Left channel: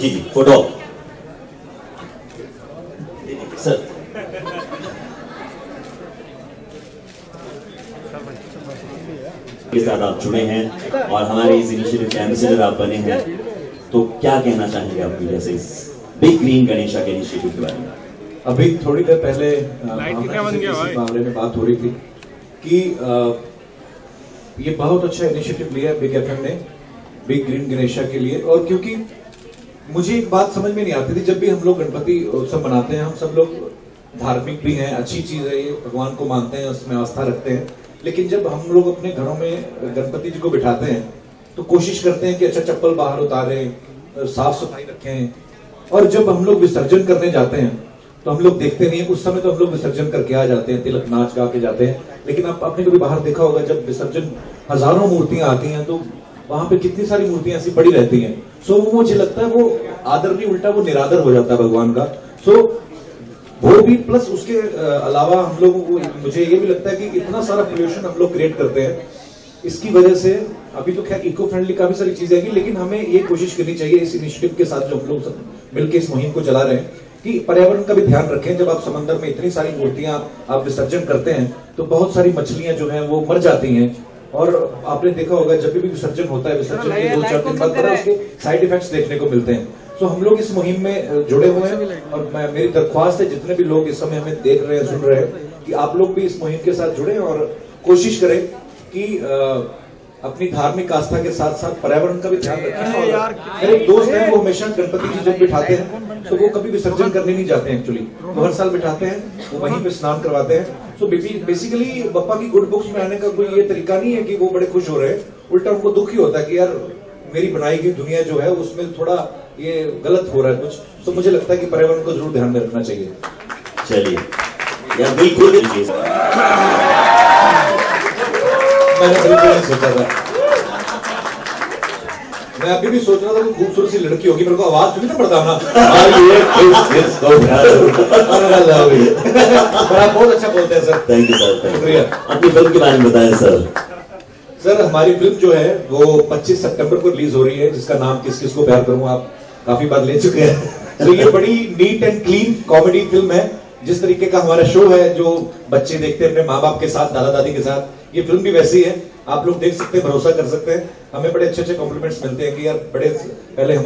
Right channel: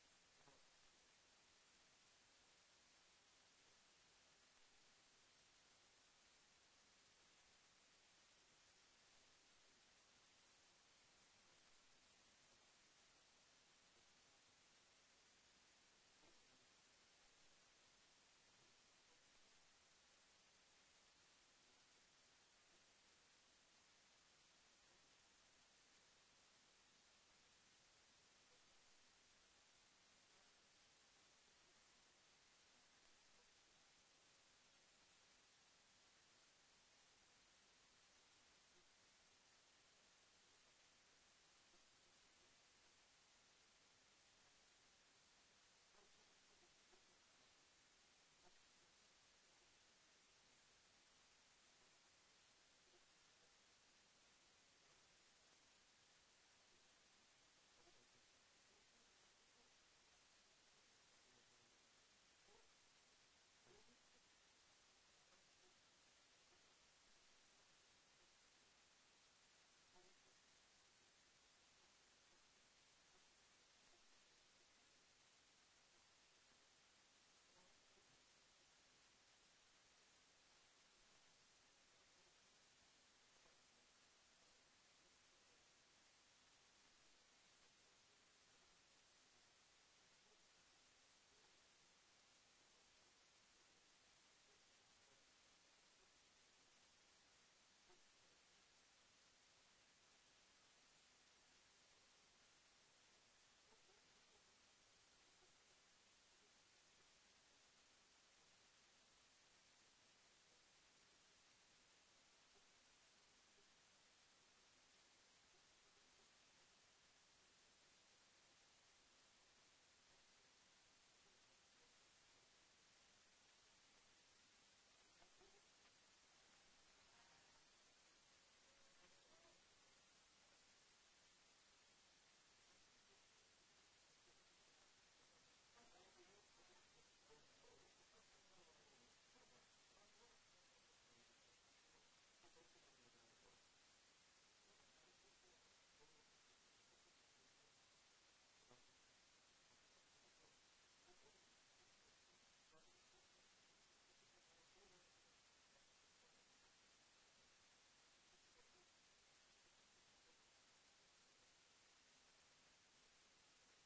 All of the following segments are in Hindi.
जी जी, फोटो सर। के साथ आप जुड़े हैं और हमारे इस इनिशिएटिव के एम्बेसडर आप बने हैं, तो क्या कहना चाहेंगे आप मीडिया से इस बिग ग्रीन गणेशा के इनिशिएटिव के बारे में? अभी थोड़ी देर पहले इसी मामले में बात हो रही थी कि ये बहुत अच्छा इनिशिएटिव लिया बिग एफएम ने बिग ग्रीन गणेशा के लिए। और क्योंकि मुझे एक बात समझ में नहीं आती थी, जब भी हम लोग गणपति उत्सव मनाते हैं, हम सब लोग धार्मिक भी हैं, अच्छी चीज है ये, भगवान को मानते हैं, उसमें आस्था रखते हैं, लेकिन जब हम लोग अपने घरों में गणपति जी को बिठाते हैं तो कोशिश करते हैं कि अच्छा चप्पल बाहर उतारें, साफ सफाई रखें, और जब हम लोग विसर्जन करने जाते हैं तो हम लोग देखते नहीं है, उस समय तो हम लोग विसर्जन करके आ जाते हैं, तिलक नाच गा के जाते हैं, लेकिन आपने कभी बाहर देखा होगा जब विसर्जन हजारों मूर्तियां आती हैं तो वहां पे कितनी सारी मूर्तियां ऐसी पड़ी रहती हैं। सो वो मुझे लगता है वो आदर नहीं, उल्टा वो निरादर हो जाता है भगवान का। सो वो भी प्लस उसके अलावा हम लोगों को, मुझे ये भी लगता है कि इतना सारा पोल्यूशन हम लोग क्रिएट करते हैं, इसकी वजह से अभी तो खैर इको फ्रेंडली काफी सारी चीजें हैं, लेकिन हमें ये कोशिश करनी चाहिए इस इनिशिएटिव के साथ जो हम लोग सब मिलकर इस मुहिम को चला रहे हैं कि पर्यावरण का भी ध्यान रखें। जब आप समंदर में इतनी सारी मूर्तियां आप विसर्जन करते हैं तो बहुत सारी मछलियां जो हैं वो मर जाती हैं, और आपने देखा होगा जब भी विसर्जन होता है, विसर्जन के 2-4 दिन बाद उसके साइड इफेक्ट्स देखने को मिलते हैं। तो हम लोग इस मुहिम में जुड़े हुए हैं, और मेरी दरख्वास्त है जितने भी लोग इस समय हमें देख रहे हैं, सुन रहे हैं, कि आप लोग भी इस मुहिम के साथ जुड़े और कोशिश करें कि अपनी धार्मिक आस्था के साथ साथ पर्यावरण का भी ध्यान रखें। और मेरे एक दोस्त हैं, वो हमेशा गणपति जी जब बिठाते हैं तो वो कभी विसर्जन करने नहीं जाते हैं, एक्चुअली वो हर साल बिठाते हैं, वो वहीं पे स्नान करवाते हैं। सो बेसिकली बप्पा की गुड बुक्स में आने का कोई ये तरीका नहीं है कि वो बड़े खुश हो रहे हैं, उल्टा उनको दुख ही होता है कि यार मेरी बनाई गई दुनिया जो है उसमें थोड़ा ये गलत हो रहा है कुछ। तो मुझे लगता है कि पर्यावरण को जरूर ध्यान में रखना चाहिए। चलिए यार, बिल्कुल मैंने बिल्कुल नहीं सोचा था, मैं अभी भी सोच रहा था कि खूबसूरत सी लड़की होगी, मेरे को आवाज सुनी ना पड़ता आप बहुत अच्छा बोलते हैं सर। थैंक यू सर, शुक्रिया। अपनी फिल्म के बारे में बताएं सर। सर हमारी फिल्म जो है वो 25 सितंबर को रिलीज हो रही है, जिसका नाम किस किस को प्यार करूं आप काफी बार ले चुके हैं। तो ये बड़ी neat and clean comedy film है, जिस तरीके का हमारा शो है जो बच्चे देखते हैं अपने माँ बाप के साथ, दादा दादी के साथ, ये फिल्म भी वैसी है। आप लोग देख सकते हैं, भरोसा कर सकते हैं। हमें बड़े अच्छे अच्छे कॉम्प्लीमेंट्स मिलते हैं कि यार बड़े पहले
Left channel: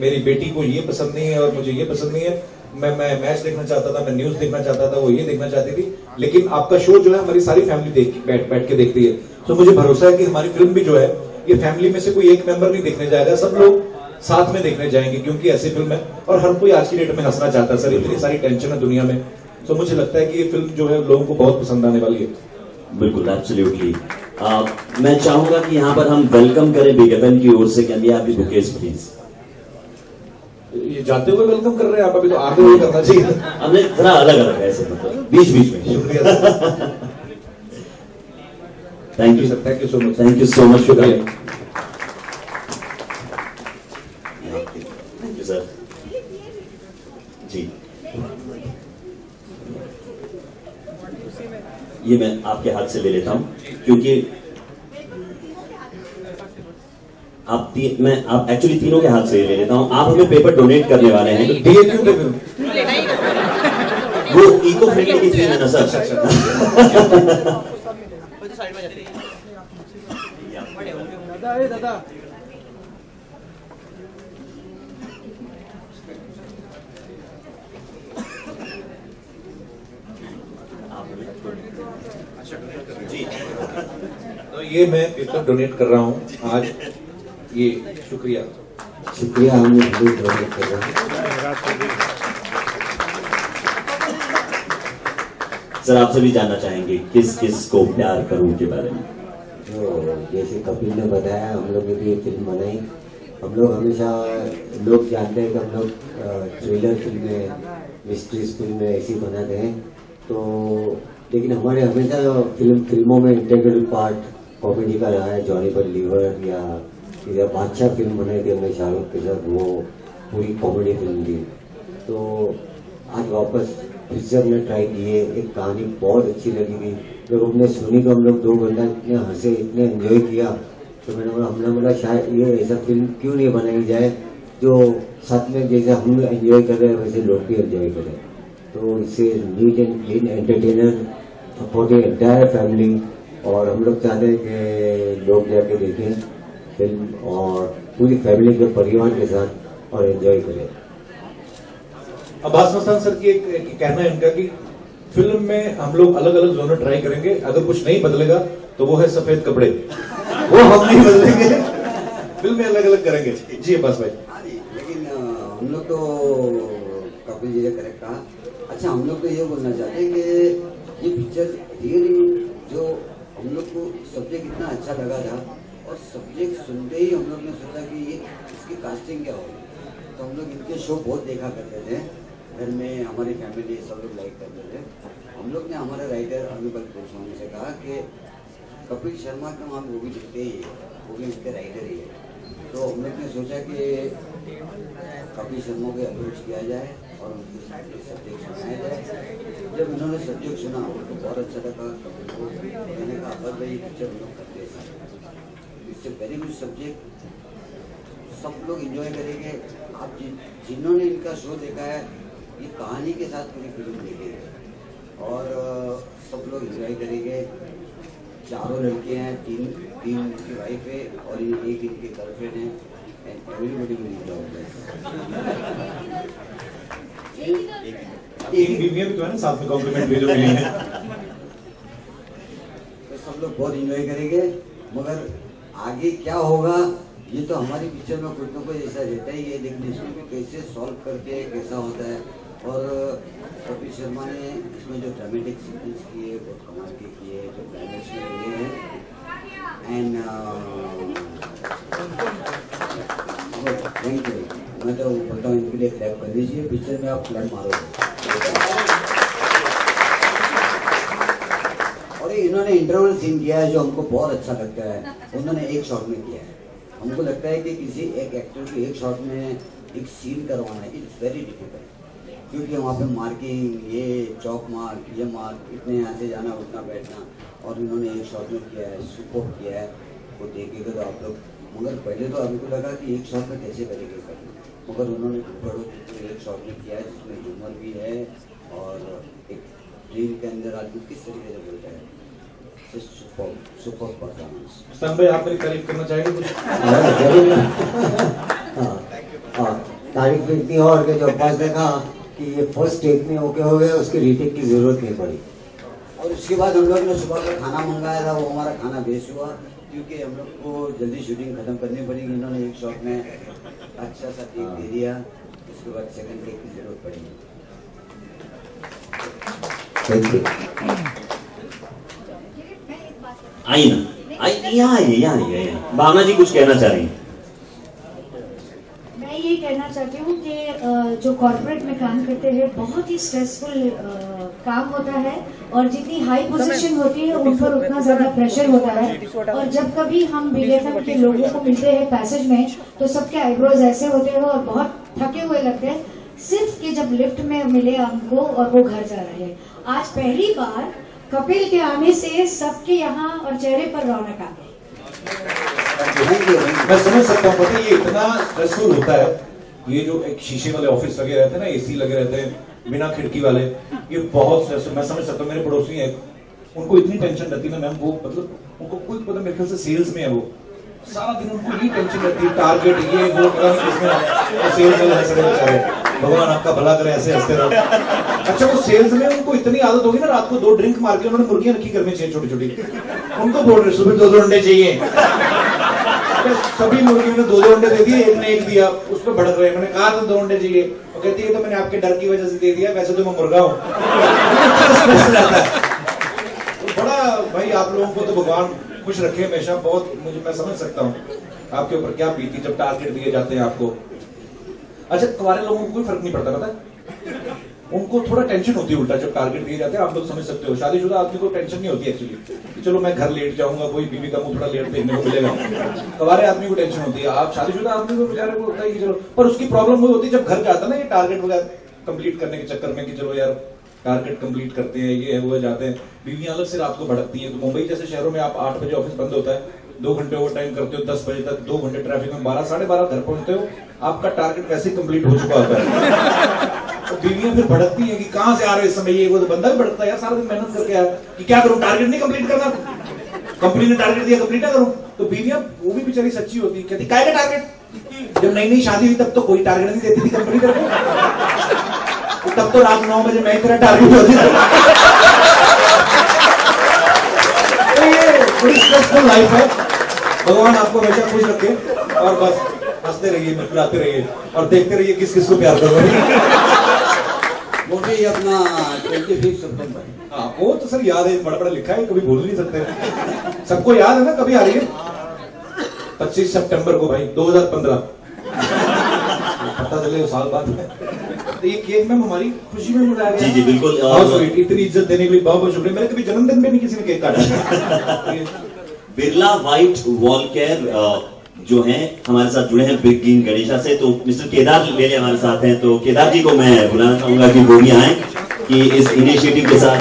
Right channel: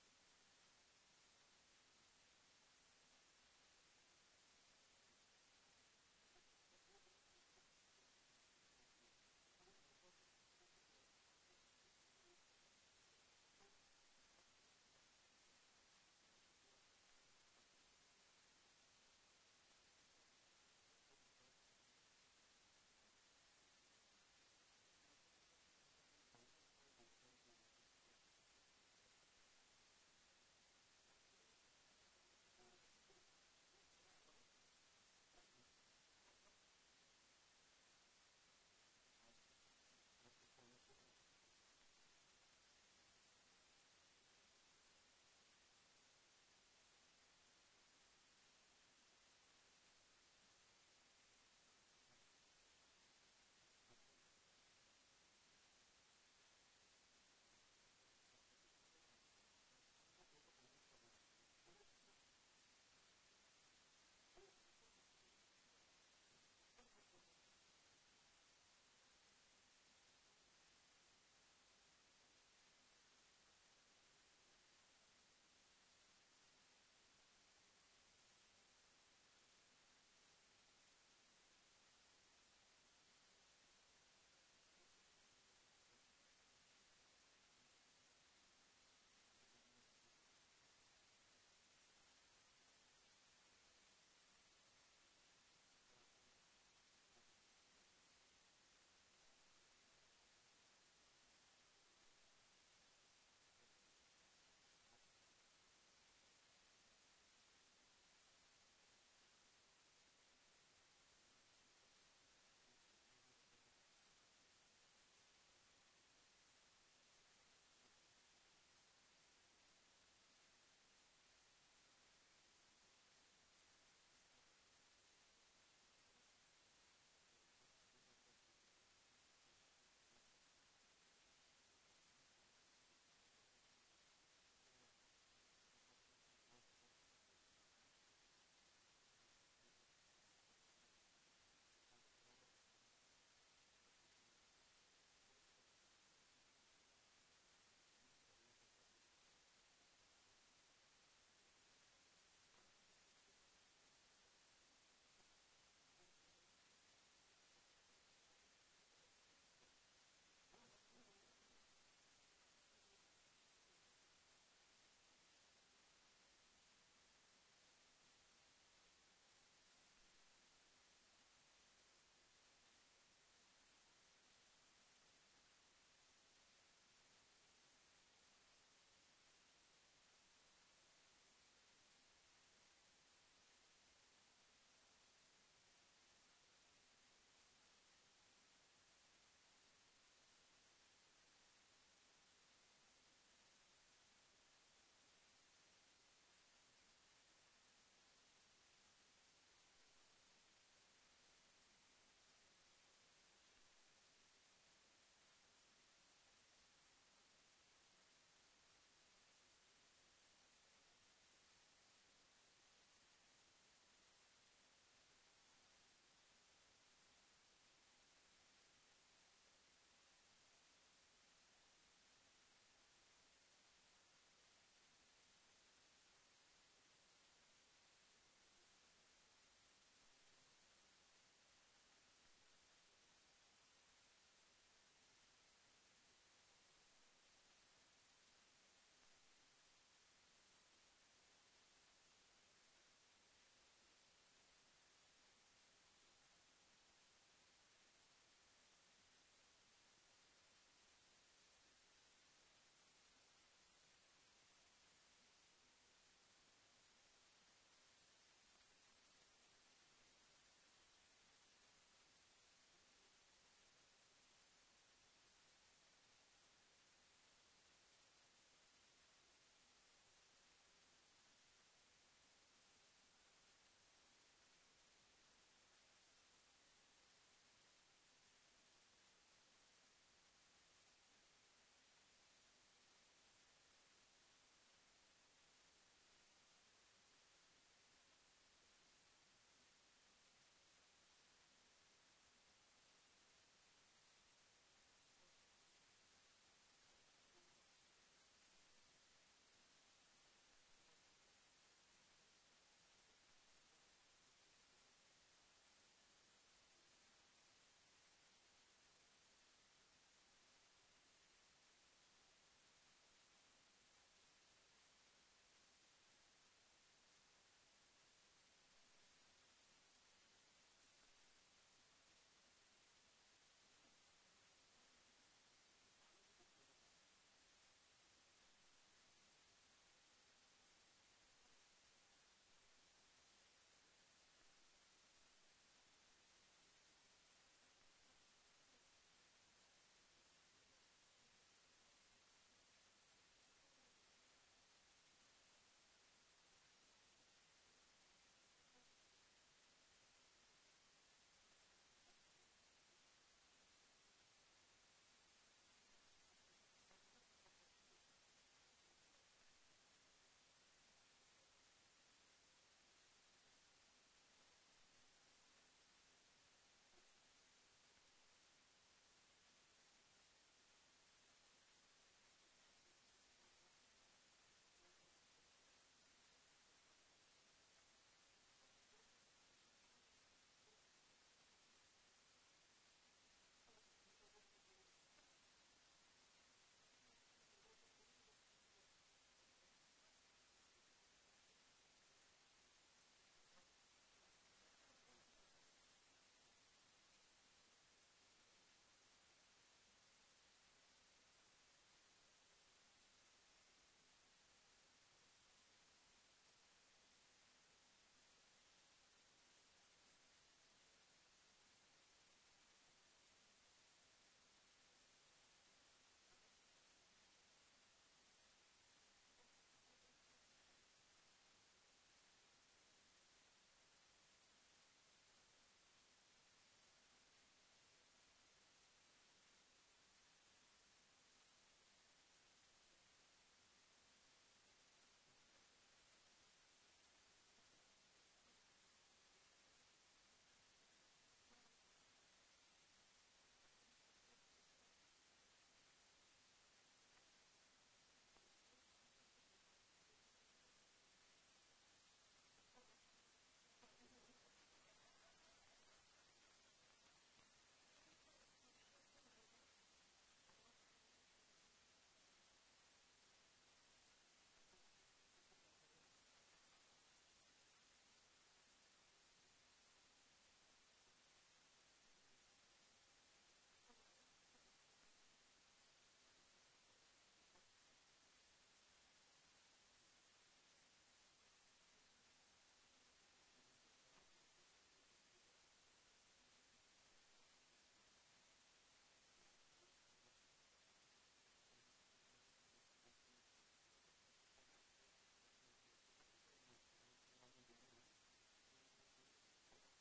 मेरी बेटी को ये पसंद नहीं है और मुझे ये पसंद नहीं है, मैं मैच देखना चाहता था, मैं न्यूज देखना चाहता था, वो ये देखना चाहती थी, लेकिन आपका शो जो है हमारी सारी फैमिली बैठ के देखती है। तो मुझे भरोसा है कि हमारी फिल्म भी जो है ये फैमिली में से कोई एक मेंबर नहीं देखने जाएगा, सब लोग साथ में देखने जाएंगे, क्योंकि ऐसी फिल्म है और हर कोई आज की डेट में हंसना चाहता है सर, इतनी सारी टेंशन है दुनिया में। तो मुझे लगता है कि ये फिल्म जो है लोगों को बहुत पसंद आने वाली है। बिल्कुल, एब्सोल्युटली। मैं चाहूंगा कि यहाँ पर हम वेलकम करें बिग एफएम की ओर से। Can we have the bouquets please? ये जाते हुए वेलकम कर रहे हैं आप, अभी तो आगे हुए करना चाहिए। हमने थोड़ा अलग अलग है ऐसे, मतलब बीच बीच में। शुक्रिया thank you sir, thank you so much, thank you so much, शुक्रिया। थैंक यू सर जी। ये मैं आपके हाथ से ले लेता हूं, क्योंकि आप एक्चुअली तीनों के हाथ से ले लेता हूं। आप हमें पेपर डोनेट करने वाले हैं, वो इको फ्रेंडली की थीम है ना सर। दादा तो ये मैं पेपर डोनेट कर रहा हूँ आज, ये शुक्रिया हम डोनेट कर रहे हैं। सर आपसे भी जानना चाहेंगे किस किस को प्यार करूं के बारे में। तो जैसे कपिल ने बताया, हम लोग ने भी ये फिल्म बनाई। हम लोग हमेशा, लोग जानते हैं कि हम लोग थ्रिलर फिल्में, मिस्ट्रीज फिल्में ऐसी बनाते हैं, तो लेकिन हमारे हमेशा फिल्मों में इंटीग्रल पार्ट कॉमेडी का रहा है। जॉनी पर लीवर या बादशाह फिल्म बनाई थी हमने शाहरुख के साथ, वो पूरी कॉमेडी फिल्म थी। तो आज वापस फिर से हमने ट्राई किए, एक कहानी बहुत अच्छी लगी थी। जब हमने सुनी तो हम लोग 2 घंटा इतने हंसे, इतने एंजॉय किया, तो हमने बोला शायद ये ऐसा फिल्म क्यों नहीं बनाई जाए जो साथ में जैसे हम एंजॉय कर रहे हैं वैसे लोग भी एंजॉय करें। तो इससे neat and clean entertainer for the entire family, और हम लोग चाहते हैं कि लोग जाके देखें फिल्म और पूरी फैमिली के परिवार के साथ और एंजॉय करें। अब्बास मस्तान सर की एक कहना है इनका कि फिल्म में हम लोग अलग अलग जोनर ट्राई करेंगे, अगर कुछ नहीं बदलेगा तो वो है सफेद कपड़े, वो हम नहीं बदलेंगे, फिल्म में अलग अलग करेंगे। जी अब्बास भाई। लेकिन हम लोग तो कपिल जी ने करेक्ट कहा। अच्छा, हम लोग तो ये बोलना चाहते हैं कि ये पिक्चर रियली जो हम लोग को सब्जेक्ट इतना अच्छा लगा था, और सब्जेक्ट सुनते ही हम लोग ने सोचा कि ये इसकी कास्टिंग क्या होगी। तो हम लोग इनके शो बहुत देखा करते थे घर में, हमारी फैमिली सब लोग लाइक करते थे। हम लोग ने हमारे राइटर अमिबल गोस्वामी से कहा कि कपिल शर्मा का हम वो भी लिखते ही है, वो भी उसके राइटर ही है। तो हम लोग ने सोचा कि कपिल शर्मा को अप्रोच किया जाए और उनके सब्जेक्ट सुनाया जाए। जब उन्होंने सब्जेक्ट सुना उनको बहुत अच्छा लगा, तो मैंने कहा अब्बास भाई पिक्चर हम लोग करते हैं, इससे वेरी गुड सब्जेक्ट, सब लोग एंजॉय करेंगे। आप जिन्होंने इनका शो देखा है ये कहानी के साथ पूरी फिल्म देखेंगे और सब लोग एंजॉय करेंगे। चारों लड़के हैं, तीन उनकी वाइफ है और एक इनके गर्लफ्रेंड है, एंड एवरीबॉडी विल एंजॉय। एक बीवियां भी तो है ना साथ में, कॉम्प्लीमेंट भी जो मिली है। तो सब लोग बहुत एंजॉय करेंगे, मगर आगे क्या होगा ये तो हमारी पिक्चर में कुछ ना कुछ ऐसा रहता ही है, लेकिन इसमें भी कैसे सॉल्व करते हैं, कैसा होता है। और कपिल शर्मा ने इसमें जो ड्रामेटिक सीक्वेंस किए बहुत कमाल के किए, जो क्लाइमेक्स में लिए हैं, एंड थैंक यू। मैं तो बोलता हूँ इनके लिए क्लैप कर दीजिए, पिक्चर में आप क्लैप मारोगे। और इन्होंने इंटरवल सीन किया है जो हमको बहुत अच्छा लगता है, उन्होंने एक शॉट में किया है। हमको लगता है कि किसी एक एक्टर को एक शॉट में एक सीन करवाना है, इट्स वेरी डिफिकल्ट, क्योंकि वहाँ पे मार्किंग, ये चौक मार्क, ये मार्क, इतने यहाँ से जाना उठना बैठना, और इन्होंने एक शॉट में किया है, सुपर किया है। वो देखेगा तो आप लोग, मगर पहले तो हमको लगा कि एक शॉट में कैसे करेंगे करना, मगर उन्होंने एक शॉट में किया है जिसमें ह्यूमर भी है और एक ड्रीम के अंदर आदमी किस तरीके से बोलता है। Super performance. मस्तान भाई आप मेरी तारीफ करना चाहेंगे कुछ? तारीफ इतनी और कि जो अब्बास ने कहा कि ये फर्स्ट टेक में ओके हो गया, उसकी रीटेक की जरूरत नहीं पड़ी। और उसके बाद हम लोग ने सुबह का खाना मंगाया था, वो हमारा खाना वेस्ट हुआ क्योंकि हम लोग को जल्दी शूटिंग खत्म करनी पड़ी। इन्होंने एक शॉट में अच्छा सा टेक दे दिया, उसके बाद सेकंड टेक की जरूरत पड़ी। Thank you. आई ना, आई यहाँ भावना जी कुछ कहना चाह रही हैं। मैं ये कहना चाहती हूँ कि जो कॉर्पोरेट में काम करते हैं बहुत ही स्ट्रेसफुल काम होता है, और जितनी हाई पोजीशन होती है उन पर उतना ज्यादा प्रेशर होता है। और जब कभी हम BFM के लोगों को मिलते हैं पैसेज में तो सबके आईब्रोज ऐसे होते हैं और बहुत थके हुए लगते हैं, सिर्फ कि जब लिफ्ट में मिले हमको और वो घर जा रहे हैं। आज पहली बार कपिल के आने से सबके यहाँ और चेहरे पर रौनक आ गई। मैं समझ सकता हूँ, पता है ये इतना स्ट्रेसफुल होता है, ये जो एक शीशे वाले ऑफिस लगे रहते हैं ना, AC लगे रहते हैं बिना खिड़की वाले, ये बहुत स्ट्रेसफुल। मैं समझ सकता हूँ, मेरे पड़ोसी हैं, उनको इतनी टेंशन रहती है ना मैम, वो मतलब उनको खुद पता, मेरे ख्याल से सेल्स में है, वो सारा दिन उनको ये टेंशन रहती है, टारगेट ये वो, पता नहीं किसमें सेल्स वाले हंस रहे बेचारे, भगवान आपका भला करे, ऐसे हंसते रहो। अच्छा वो सेल्स में उनको इतनी आदत होगी ना, रात को 2 ड्रिंक मार के उन्होंने मुर्गियां रखी करनी चाहिए छोटी छोटी, उनको बोल रहे सुबह 2 अंडे चाहिए, सभी मुर्गियों ने 2 अंडे दे दिए, एक ने एक दिया, उस पर भड़क रहे। मैंने कहा था 2 अंडे चाहिए, वो कहती है तो मैंने आपके डर की वजह से दे दिया, वैसे तो मैं मुर्गा हूँ। तो बड़ा भाई आप लोगों को तो भगवान खुश रखे हमेशा, बहुत मुझे, मैं समझ सकता हूँ आपके ऊपर क्या बीती जब टारगेट दिए जाते हैं आपको। अच्छा कुंवारे लोगों को कोई फर्क नहीं पड़ता, पता है उनको थोड़ा टेंशन होती है उल्टा जब टारगेट दिए जाते हैं, आप लोग समझ सकते हो। शादीशुदा आदमी को टेंशन नहीं होती एक्चुअली, चलो मैं घर लेट जाऊंगा, कोई बीवी का मुंह थोड़ा लेट देखने को मिलेगा। कुंवारे आदमी को टेंशन होती है, आप शादीशुदा आदमी को बेचारे को होता है कि चलो, पर उसकी प्रॉब्लम वो होती है जब घर जाता है ना, ये टारगेट वगैरह कंप्लीट करने के चक्कर में कि चलो यार टारगेट कंप्लीट करते हैं, ये है वो जाते हैं, बीवियां अलग से रात को भड़कती है। तो मुंबई जैसे शहरों में आप 8 बजे ऑफिस बंद होता है, 2 घंटे ओवर टाइम करते हो, 10 बजे तक 2 घंटे ट्रैफिक में, 12 साढ़े 12 घर पहुंचते हो, आपका टारगेट वैसे ही कंप्लीट हो चुका होता है। तो बीवियां फिर भड़कती हैं कि कहां से आ रहे हो इस समय, ये वो। तो बंदा भी भड़कता है यार, सारा दिन मेहनत करके आया कि क्या करूं, टारगेट नहीं कंप्लीट करना, कंपनी ने टारगेट दिया कंप्लीट ना करूं। तो बीवियां वो भी बेचारी सच्ची होती, कहती काय का टारगेट, जब नई नई शादी हुई तब तो कोई टारगेट नहीं देती थी कंपनी को, तब तो रात 9 बजे मैं तेरा टारगेट होती थी। तो ये बड़ी स्ट्रेसफुल लाइफ है। भगवान आपको हमेशा खुश रखे और बस हंसते रहिए, मुस्कुराते रहिए और देखते रहिए किस किस को प्यार करोगे। मुझे ये अपना 25 सितंबर, हाँ वो तो सर याद है, बड़ा बड़ा लिखा है, कभी भूल नहीं सकते, सबको याद है ना, कभी आ रही है 25 सितंबर को भाई 2015, पता चले वो साल बाद। तो ये केक मैम हमारी खुशी में मिलाया गया। जी जी बिल्कुल, और इतनी इज्जत देने के लिए बहुत बहुत शुक्रिया। मेरे कभी जन्मदिन पे नहीं किसी ने केक काटा। बिरला व्हाइट वॉल केयर जो हैं हमारे साथ जुड़े हैं बिग ग्रीन गणेशा से, तो मिस्टर केदार लेले हमारे साथ हैं, तो केदार जी को मैं बुलाना चाहूंगा कि वो भी आए कि इस इनिशिएटिव के साथ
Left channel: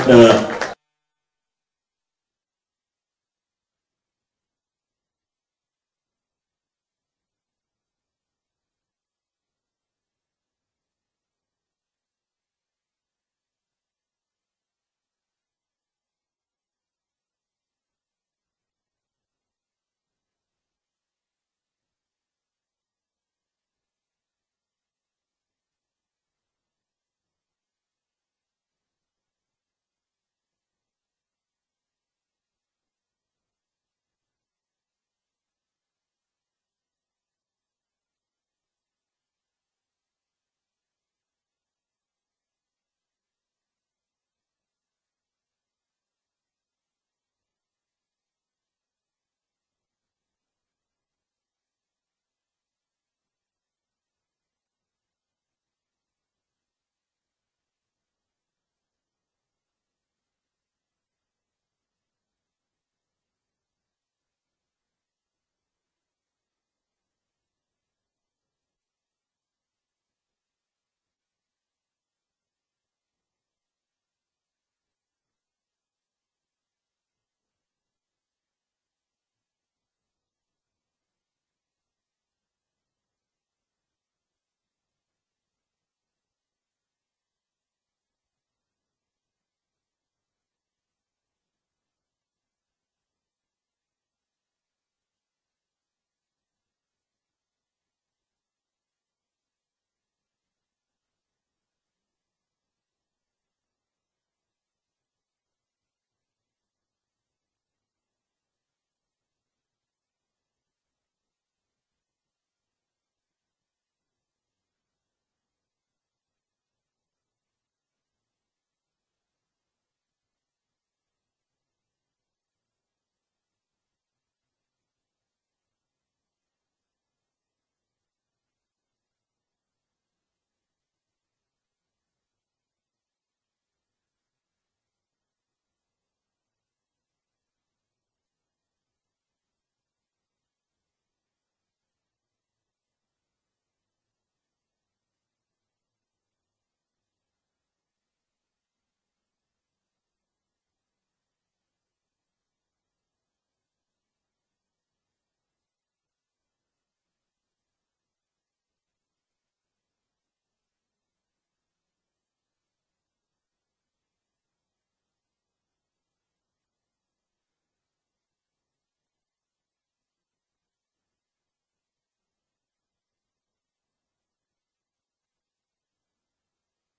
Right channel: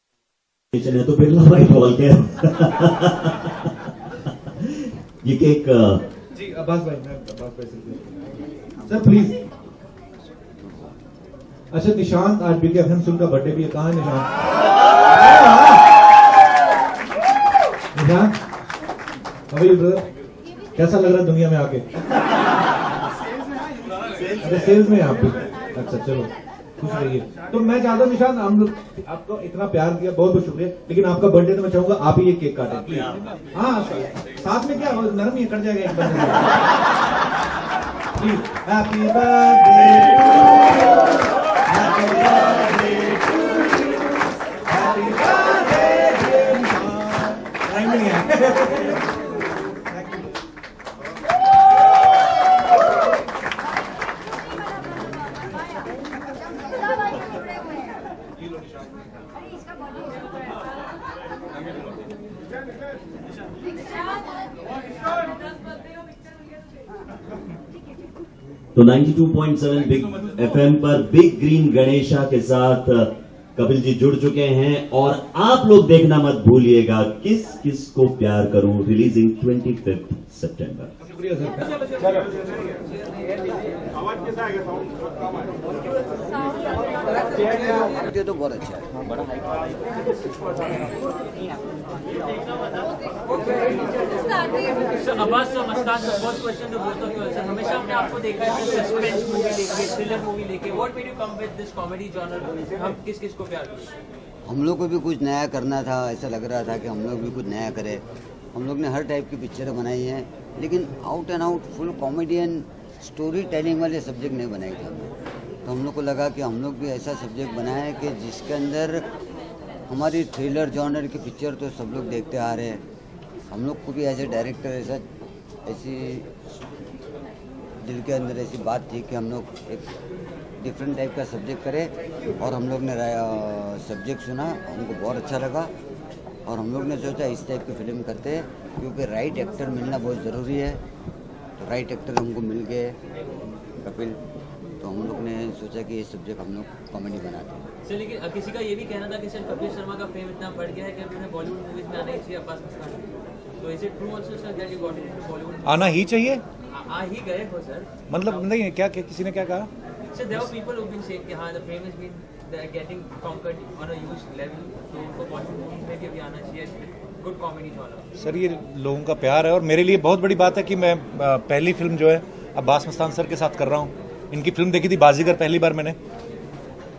चले। तो बिरला व्हाइट वॉल केयर ये केक जी अब्बास भाई, मैं अब्बास भाई से सर प्लीज। अच्छा निशांत, आज बिग एफएम सुन का बर्थडे भी है, कहाँ है निशांत? निशांत अभी ब्रदर, कैसा लग रहा है दुनिया में आके? अच्छा सेल्स में आप भी, अच्छा चलो खुश रहिए। तो मैं चाहता हूँ निशांत, हम लोग आपको इतना प्यार दिया, बहुत बहुत शुक्रिया, लेकिन आपका बर्थडे तो मैं चाहूंगा आप ही ये केक काटें। हाँ साथ में क्या नरम ही कट जाएगा एक बंदे। Please happy birthday, happy birthday, happy birthday. Time नहीं है। तो 92.7 बिग एफएम पर बिग ग्रीन गणेशा के साथ कपिल जी जुड़ चुके हैं, और आप लोग देखना मत भूलिएगा किस किस को प्यार करूं, रिलीजिंग 25 सितंबर। ये तो बहुत अच्छा है। Abbas Mustan, first question to both of you also. हमेशा हमने आपको देखा है सस्पेंस मूवी लेके, थ्रिलर मूवी लेके, what made you come with this comedy genre? हम किस किस को प्यार करते? हम लोग को भी कुछ नया करना था, ऐसा लग रहा था कि हम लोग भी कुछ नया करें। हम लोग ने हर टाइप की पिक्चरें बनाई हैं, लेकिन out and out full comedian story telling वाले सब्जेक्ट नहीं बनाए थे हम लोग। तो हम लोग को लगा कि हम लोग भी ऐसा सब्जेक्ट बनाएं कि जिसके अंदर हमारी थ्रिलर जॉनर की पिक्चर तो सब लोग देखते आ रहे हैं, हम लोग को भी एज ए डायरेक्टर ऐसी दिल के अंदर ऐसी बात थी कि हम लोग एक डिफरेंट टाइप का सब्जेक्ट करें। और हम लोग ने सब्जेक्ट सुना, हमको बहुत अच्छा लगा, और हम लोग ने सोचा इस टाइप की फिल्म करते हैं, क्योंकि राइट एक्टर मिलना बहुत ज़रूरी है। तो राइट एक्टर हमको मिल गए कपिल, तो हम लोग ने सोचा कि ये सब्जेक्ट हम लोग कॉमेडी बनाते हैं। सर लेकिन किसी का ये भी कहना था कि सर कपिल शर्मा का फेम इतना बढ़ गया है कि अब उन्हें बॉलीवुड मूवीज में आना ही चाहिए अब्बास मस्तान। तो is it true also sir that you got into Bollywood? आना ही चाहिए, आ ही गए हो सर, मतलब नहीं क्या किसी ने क्या कहा? Sir there are people who been saying कि हां the fame has been they are getting conquered on a huge level, तो उनको बॉलीवुड मूवीज में भी अभी आना चाहिए, गुड कॉमेडी जॉनर। सर ये लोगों का प्यार है, और मेरे लिए बहुत बड़ी बात है कि मैं पहली फिल्म जो है अब्बास मस्तान सर के साथ कर रहा हूँ। इनकी फिल्म देखी थी बाजीगर पहली बार मैंने,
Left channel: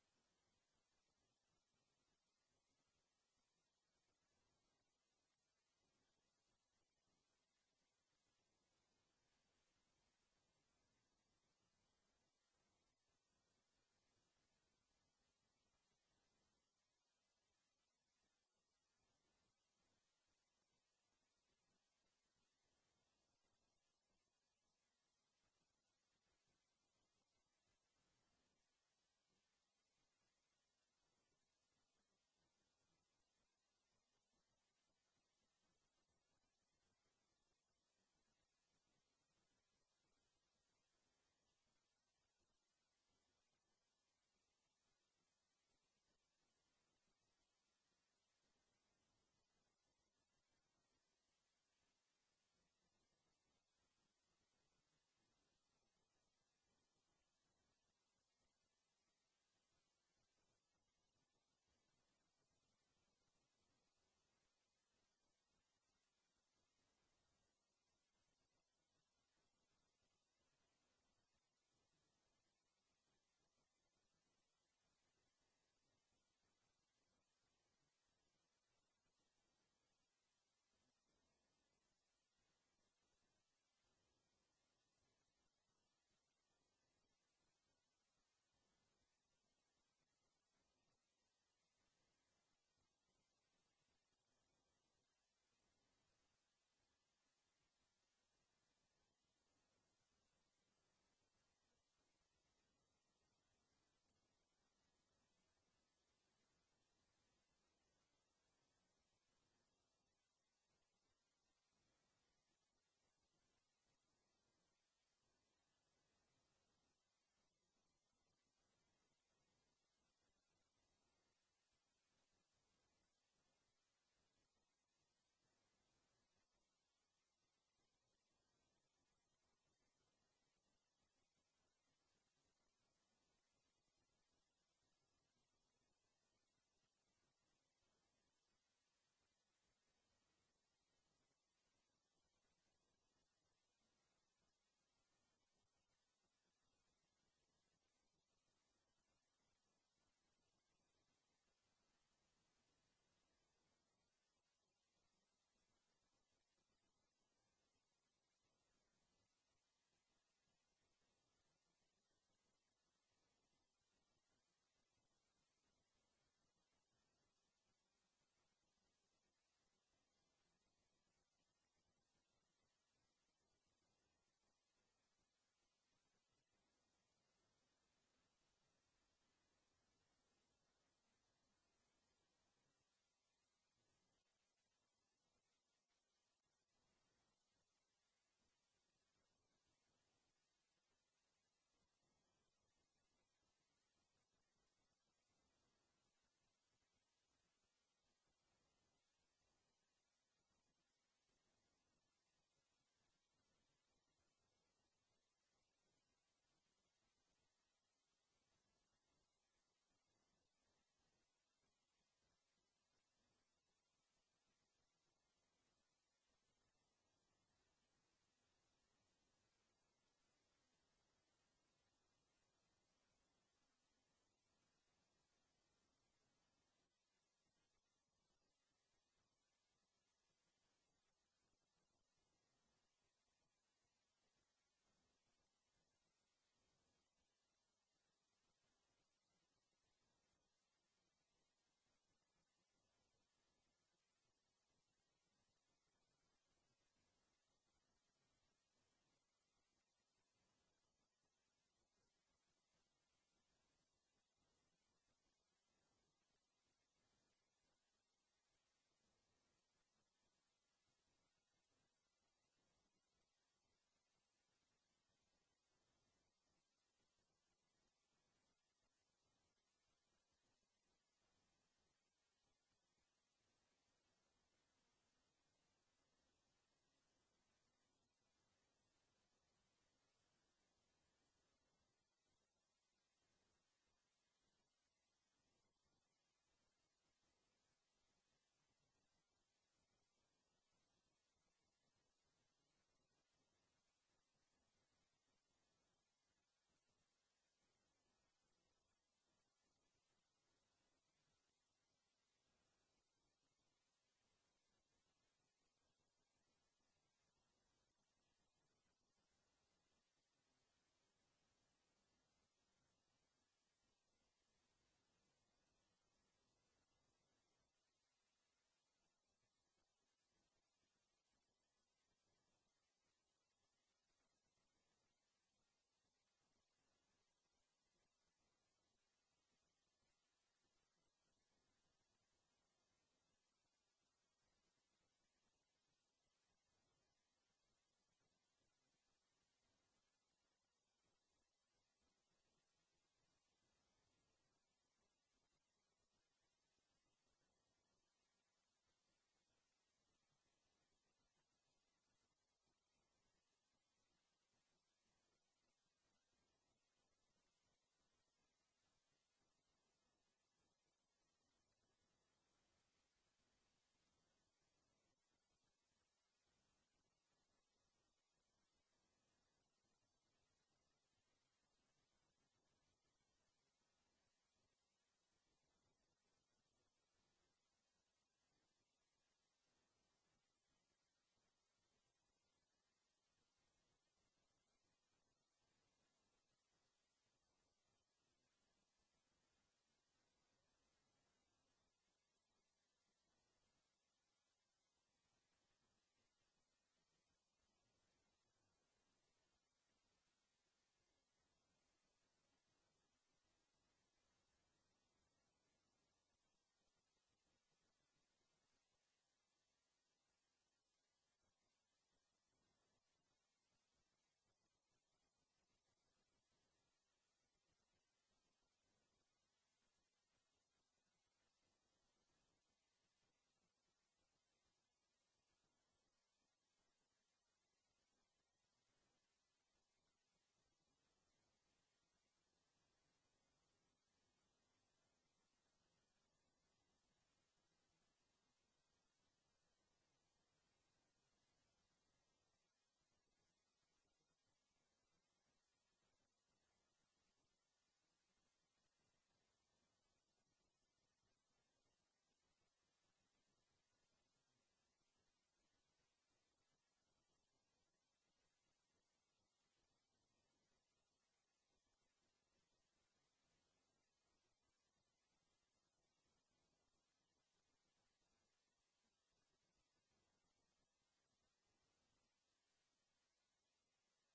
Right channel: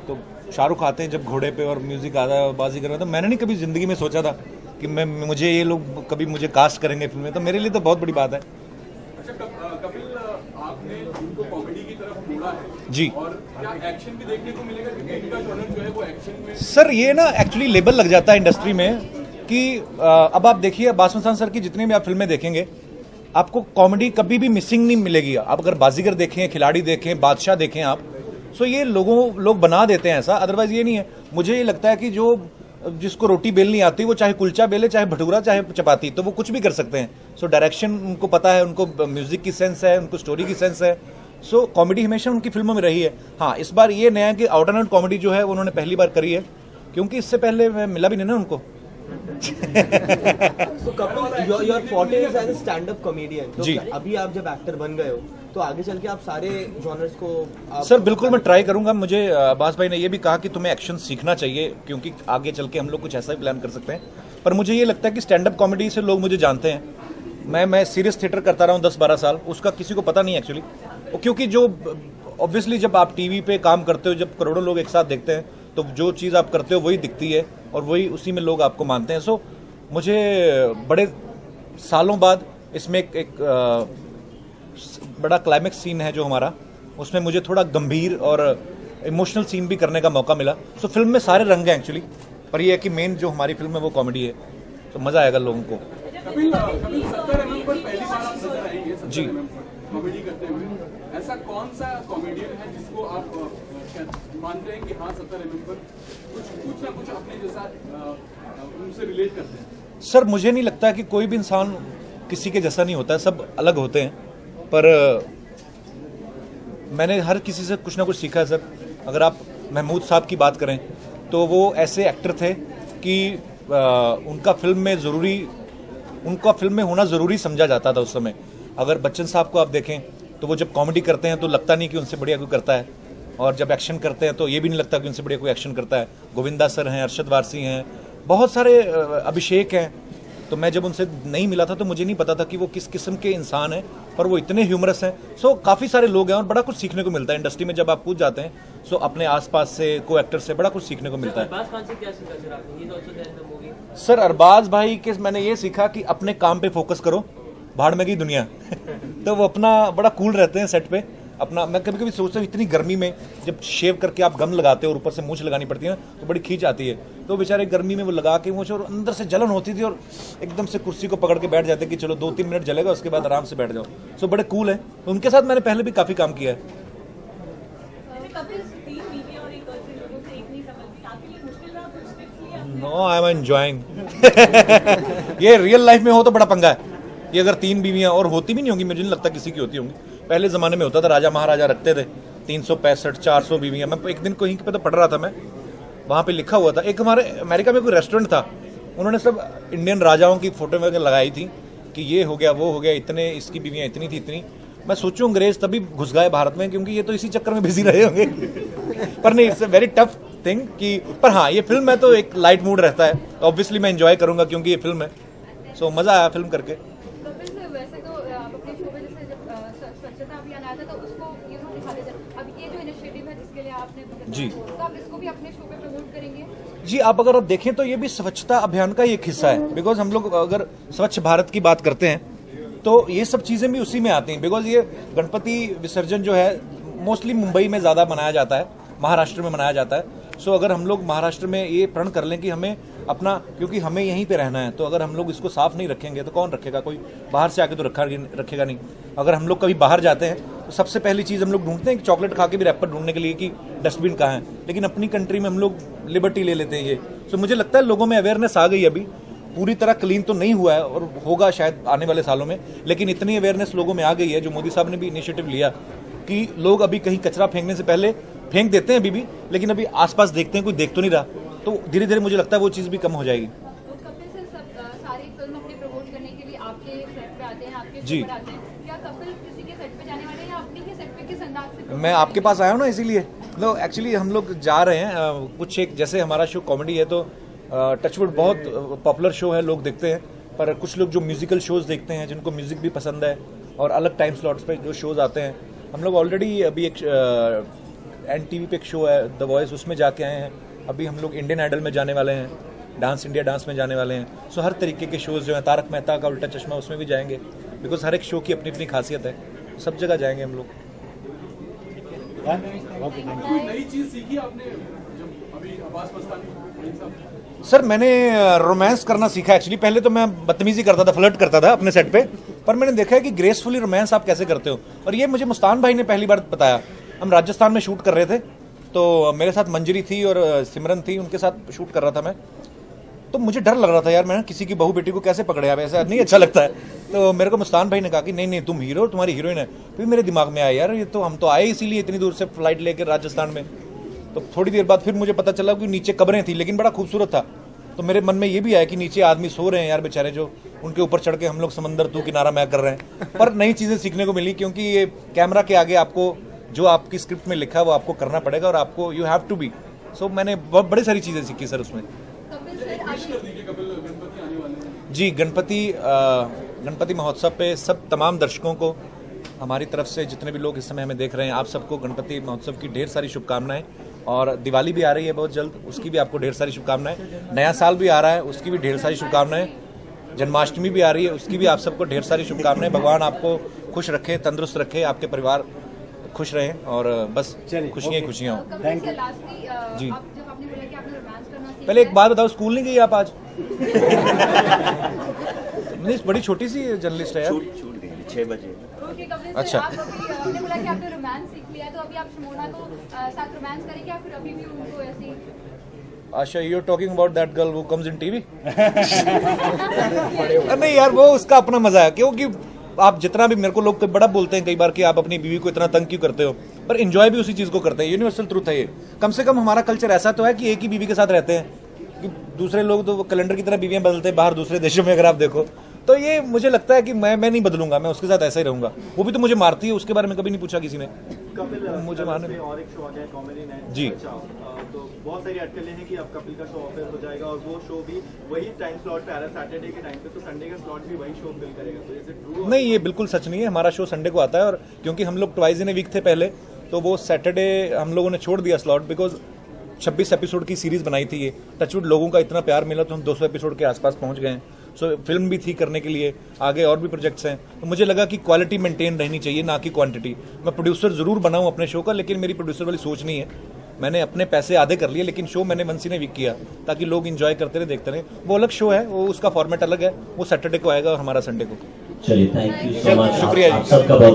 तो शाहरुख आते हैं जब घोड़े पे और म्यूजिक आता है बाजीगर में, तो मैंने नहीं कभी जिंदगी में सोचा था कि मुझे ये लोग कभी मुझे कास्ट करेंगे फिल्म में, तो मेरे लिए तो बहुत बड़ी बात है। कपिल, आपने उनको कॉमेडी की तरफ मोड़ा है जी, और क्या एक्शन भी देखने को मिलेगा? क्योंकि इनका जॉनर जो है वो एक्शन में। सर ये ना एक्चुअली लेबल लग जाता है इंडस्ट्री में कि अब आप देखिए अब्बास मस्तान सर की जितनी भी आप फिल्में देखेंगे, आपको कॉमेडी कभी भी मिसिंग नहीं मिलेगी। आप अगर बाजीगर देखें, खिलाड़ी देखें, बादशाह देखें आप, सो ये लोग बना देते हैं ऐसा, अदरवाइज ये नहीं है। मुझे ये लगता है कि जो जिसको रोटी बेलनी आती है वो चाहे कुलचा बेले, चाहे भटूरा, चाहे चपाती, तो वो कुछ भी कर सकते हैं। सो डायरेक्शन उनको पता है, उनको म्यूजिक की सेंस है, उनको स्टोरी की सेंस है। सो कॉमेडी हमेशा उनकी फिल्मों में रही है। हाँ, इस बार ये नया कि आउट एंड आउट कॉमेडी जो है वो उन्होंने पहली बार करी है, क्योंकि इससे पहले मिला भी नहीं ना उनको। So Kapil, your forte is as a stand-up comedian. तो जी। अभी आप जब एक्टर बन गए हो तो आगे चल के आप सारे जॉनर्स को सर बिल्कुल मैं ट्राई करूंगा। मुझे अब्बास भाई ने ये भी कहा कि तुम्हें एक्शन सीखना चाहिए क्योंकि आगे चल के हम लोग कुछ ऐसा भी प्लान कर सकते हैं। पर मुझे ये लगता है कि स्टैंड अप कॉमेडी से लोग मुझे जानते हैं। मैं सीरियस थिएटर करता रहा हूँ 10-12 साल, उसका किसी को पता नहीं एक्चुअली, क्योंकि जो ऑब्वियसली जब आप टीवी पे काम करते हो, जब करोड़ों लोग एक साथ देखते हैं तो जो चीज़ आप करते हो वही दिखती है और वही उसी में लोग आपको मानते हैं। सो मुझे बड़े सालों बाद इसमें एक बड़ा क्लाइमेक्स सीन है जो हमारा, उसमें मुझे थोड़ा गंभीर और इमोशनल सीन भी करने का मौका मिला। सो फिल्म में सारे रंग हैं एक्चुअली, पर ये है कि मेन जो हमारी फिल्म है वो कॉमेडी है, तो मजा आएगा लोगों को। कपिल 70 mm पर पहली बार आप नजर आएंगे जी। कॉमेडी करते हुए। ऐसा कौन सा कॉमेडियन है जिसको आप मानते हैं कि हाँ 70 mm पर कुछ ना कुछ अपने जैसा उनसे रिलेट करते हैं? सर मुझे नहीं लगता कि कोई भी इंसान किसी के जैसा नहीं होता है, सब अलग होते हैं। पर मैंने हर किसी से कुछ ना कुछ सीखा है सर। अगर आप महमूद साहब की बात करें तो वो ऐसे एक्टर थे कि उनका फिल्म में होना ज़रूरी समझा जाता था उस समय। अगर बच्चन साहब को आप देखें तो वो जब कॉमेडी करते हैं तो लगता नहीं कि उनसे बढ़िया कोई करता है, और जब एक्शन करते हैं तो ये भी नहीं लगता कि उनसे बढ़िया कोई एक्शन करता है। गोविंदा सर हैं, अरशद वारसी हैं, बहुत सारे, अभिषेक हैं। तो मैं जब उनसे नहीं मिला था तो मुझे नहीं पता था कि वो किस किस्म के इंसान हैं, पर वो इतने ह्यूमरस हैं। सो काफ़ी सारे लोग हैं और बड़ा कुछ सीखने को मिलता है इंडस्ट्री में जब आप पूछ जाते हैं। सो अपने आसपास से, को एक्टर से बड़ा कुछ सीखने को मिलता है। अरबाज खान से क्या सीखा सर आपने? ये तो also there in the movie. Sir Arbaaz भाई के मैंने ये सीखा कि अपने काम पे फोकस करो, भाड़ में गई दुनिया। तो वो अपना बड़ा कूल रहते हैं सेट पे अपना। मैं कभी कभी सोचता हूँ इतनी गर्मी में जब शेव करके आप गम लगाते हो और ऊपर से मूंछ लगानी पड़ती है ना, तो बड़ी खींच आती है। तो बेचारे गर्मी में वो लगा के मूंछ, और अंदर से जलन होती थी और एकदम से कुर्सी को पकड़ के बैठ जाते कि चलो 2-3 मिनट जलेगा, उसके बाद आराम से बैठ जाओ। सो बड़े कूल है। तो उनके साथ मैंने पहले भी काफ़ी काम किया है। No I am enjoying. ये रियल लाइफ में हो तो बड़ा पंगा है। ये अगर 3 बीवियां और होती भी नहीं होंगी, मुझे नहीं लगता किसी की होती होंगी। पहले ज़माने में होता था, राजा महाराजा रखते थे 365-400 बीवियां। मैं एक दिन कहीं पे तो पढ़ रहा था, मैं वहाँ पे लिखा हुआ था, एक हमारे अमेरिका में कोई रेस्टोरेंट था, उन्होंने सब इंडियन राजाओं की फोटो वगैरह लगाई थी कि ये हो गया, वो हो गया, इतने इसकी बीवियाँ इतनी थी इतनी। मैं सोचूं अंग्रेज तभी घुस गए भारत में, क्योंकि ये तो इसी चक्कर में बिजी रहे होंगे। पर नहीं, it's a very tough thing कि, पर हाँ ये फिल्म है तो एक लाइट मूड रहता है। ऑब्वियसली मैं एंजॉय करूंगा क्योंकि ये फिल्म है। सो मजा आया फिल्म करके। वैसे तो आप अपने शो में जैसे जब स्वच्छता अभियान आया था तो उसको दिखाते थे। अब ये जो इनिशिएटिव है जिसके लिए आपने जी, तो आप इसको भी अपने शो पे प्रमोट करेंगे? जी, आप अगर आप देखें तो ये भी स्वच्छता अभियान का एक हिस्सा है। बिकॉज हम लोग अगर स्वच्छ भारत की बात करते हैं तो ये सब चीज़ें भी उसी में आती हैं। बिकॉज ये गणपति विसर्जन जो है मोस्टली मुंबई में ज़्यादा मनाया जाता है, महाराष्ट्र में मनाया जाता है। सो अगर हम लोग महाराष्ट्र में ये प्रण कर लें कि हमें अपना, क्योंकि हमें यहीं पे रहना है, तो अगर हम लोग इसको साफ नहीं रखेंगे तो कौन रखेगा? कोई बाहर से आके तो रखेगा नहीं। अगर हम लोग कभी बाहर जाते हैं तो सबसे पहली चीज़ हम लोग ढूंढते हैं कि चॉकलेट खा के भी रैपर ढूंढने के लिए कि डस्टबिन कहाँ है, लेकिन अपनी कंट्री में हम लोग लिबर्टी ले लेते हैं ये। सो मुझे लगता है लोगों में अवेयरनेस आ गई। अभी पूरी तरह क्लीन तो नहीं हुआ है और होगा शायद आने वाले सालों में, लेकिन इतनी अवेयरनेस लोगों में आ गई है, जो मोदी साहब ने भी इनिशिएटिव लिया कि लोग अभी कहीं कचरा फेंकने से पहले फेंक देते हैं अभी भी, लेकिन अभी आसपास देखते हैं कोई देख तो नहीं रहा, तो धीरे धीरे मुझे लगता है वो चीज़ भी कम हो जाएगी। कपिल सर सारी फिल्म अपनी प्रमोट करने के लिए आपके सेट पे आते हैं, आपके जी। शो पर आते हैं। क्या कपिल किसी के सेट पे जाने वाले हैं या अपने ही सेट पे किस अंदाज से? मैं आपके पास आया हूँ ना, इसीलिए नो एक्चुअली हम लोग जा रहे हैं कुछ एक, जैसे हमारा शो कॉमेडी है तो टचवुड बहुत पॉपुलर शो है, लोग देखते हैं। पर कुछ लोग जो म्यूजिकल शोज़ देखते हैं, जिनको म्यूजिक भी पसंद है और अलग टाइम स्लॉट्स पे जो शोज़ आते हैं, हम लोग ऑलरेडी अभी एक NTV पे एक शो है द वॉइस, उसमें जाके आए हैं। अभी हम लोग इंडियन आइडल में जाने वाले हैं, डांस इंडिया डांस में जाने वाले हैं। सो हर तरीके के शोज़ जो हैं, तारक मेहता का उल्टा चश्मा, उसमें भी जाएंगे। बिकॉज हर एक शो की अपनी अपनी खासियत है, सब जगह जाएंगे हम लोग। कोई नई चीज सीखी आपने जब अभी अब्बास मस्तानी? सर मैंने रोमांस करना सीखा एक्चुअली। पहले तो मैं बदतमीजी करता था, फ्लर्ट करता था अपने सेट पे, पर मैंने देखा है कि ग्रेसफुली रोमांस आप कैसे करते हो। और ये मुझे मुस्तान भाई ने पहली बार बताया। हम राजस्थान में शूट कर रहे थे, तो मेरे साथ मंजरी थी और सिमरन थी, उनके साथ शूट कर रहा था मैं। तो मुझे डर लग रहा था यार, मैं किसी की बहू बेटी को कैसे पकड़े, आप ऐसा नहीं अच्छा लगता है। तो मेरे को मुस्तान भाई ने कहा कि नहीं नहीं तुम हीरो, तुम्हारी हीरोइन है। फिर मेरे दिमाग में आया यार, ये तो हम तो आए इसीलिए इतनी दूर से फ्लाइट लेकर राजस्थान में। तो थोड़ी देर बाद फिर मुझे पता चला कि नीचे कब्रें थी, लेकिन बड़ा खूबसूरत था। तो मेरे मन में ये भी आया कि नीचे आदमी सो रहे हैं यार बेचारे, जो उनके ऊपर चढ़ के हम लोग समंदर तू किनारा मैं कर रहे हैं। पर नई चीज़ें सीखने को मिली, क्योंकि ये कैमरा के आगे आपको जो आपकी स्क्रिप्ट में लिखा है वो आपको करना पड़ेगा और आपको यू हैव टू बी। सो मैंने बहुत बड़ी सारी चीज़ें सीखी सर उसमें। जी, गणपति महोत्सव पे सब तमाम दर्शकों को हमारी तरफ से, जितने भी लोग इस समय हमें देख रहे हैं, आप सबको गणपति महोत्सव की ढेर सारी शुभकामनाएं। और दिवाली भी आ रही है बहुत जल्द, उसकी भी आपको ढेर सारी शुभकामनाएं। नया साल भी आ रहा है, उसकी भी ढेर सारी शुभकामनाएं। जन्माष्टमी भी आ रही है, उसकी भी आप सबको ढेर सारी शुभकामनाएं। भगवान आपको खुश रखे, तंदुरुस्त रखे, आपके परिवार खुश रहें और बस खुशियाँ ही खुशियाँ हों। थैंक यू जी। पहले एक बात बताओ, स्कूल नहीं गई आप आज? नहीं, बड़ी छोटी सी जर्नलिस्ट है यार। छूट गई 6 बजे। अच्छा, आपने बोला कि आपने रोमांस सीख लिया, तो अभी आप शमोना को साथ रोमांस करेंगे या फिर अभी भी उनको ऐसे ही? Asha, you are talking about that girl who comes in TV? नहीं यार, वो उसका अपना मजा है, क्योंकि आप जितना भी, मेरे को लोग बड़ा बोलते हैं कई बार कि आप अपनी बीवी को इतना तंग क्यों करते हो, पर एंजॉय भी उसी चीज को करते हैं। यूनिवर्सल ट्रूथ है ये। कम से कम हमारा कल्चर ऐसा तो है कि एक ही बीवी के साथ रहते हैं, कि दूसरे लोग तो कैलेंडर की तरह बीवियां बदलते हैं बाहर दूसरे देशों में, अगर आप देखो तो। ये मुझे लगता है कि मैं नहीं बदलूंगा, मैं उसके साथ ऐसा ही रहूंगा। वो भी तो मुझे मारती है, उसके बारे में कभी नहीं पूछा किसी ने। मुझे मारने और एक शो आ गया कॉमेडी नाइट जी, तो बहुत सारी अटकलें हैं कि अब कपिल का शो ऑफर हो जाएगा और वो शो भी वही टाइम स्लॉट पे आ रहा है, सैटरडे के टाइम पे, तो संडे का स्लॉट भी वही शो फिल करेगा। तो इज इट ट्रू? नहीं, ये बिल्कुल सच नहीं है। हमारा शो संडे को आता है, और क्योंकि हम लोग ट्वाइस इन ए वीक थे पहले, तो वो सैटरडे हम लोगों ने छोड़ दिया स्लॉट, बिकॉज 26 एपिसोड की सीरीज बनाई थी ये। टचवुड लोगों का इतना प्यार मिला तो हम 200 एपिसोड के आसपास पहुंच गए हैं। सो फिल्म भी थी करने के लिए, आगे और भी प्रोजेक्ट्स हैं, तो मुझे लगा कि क्वालिटी मेंटेन रहनी चाहिए, ना कि क्वांटिटी। मैं प्रोड्यूसर जरूर बनाऊं अपने शो का, लेकिन मेरी प्रोड्यूसर वाली सोच नहीं है। मैंने अपने पैसे आधे कर लिए, लेकिन शो मैंने वंस इन ए वीक किया ताकि लोग एंजॉय करते रहे, देखते रहे। वो अलग शो है, वो उसका फॉर्मेट अलग है, वो सैटरडे को आएगा और हमारा संडे को। चलिए, थैंक यू सो मच, शुक्रिया आप सबका बहुत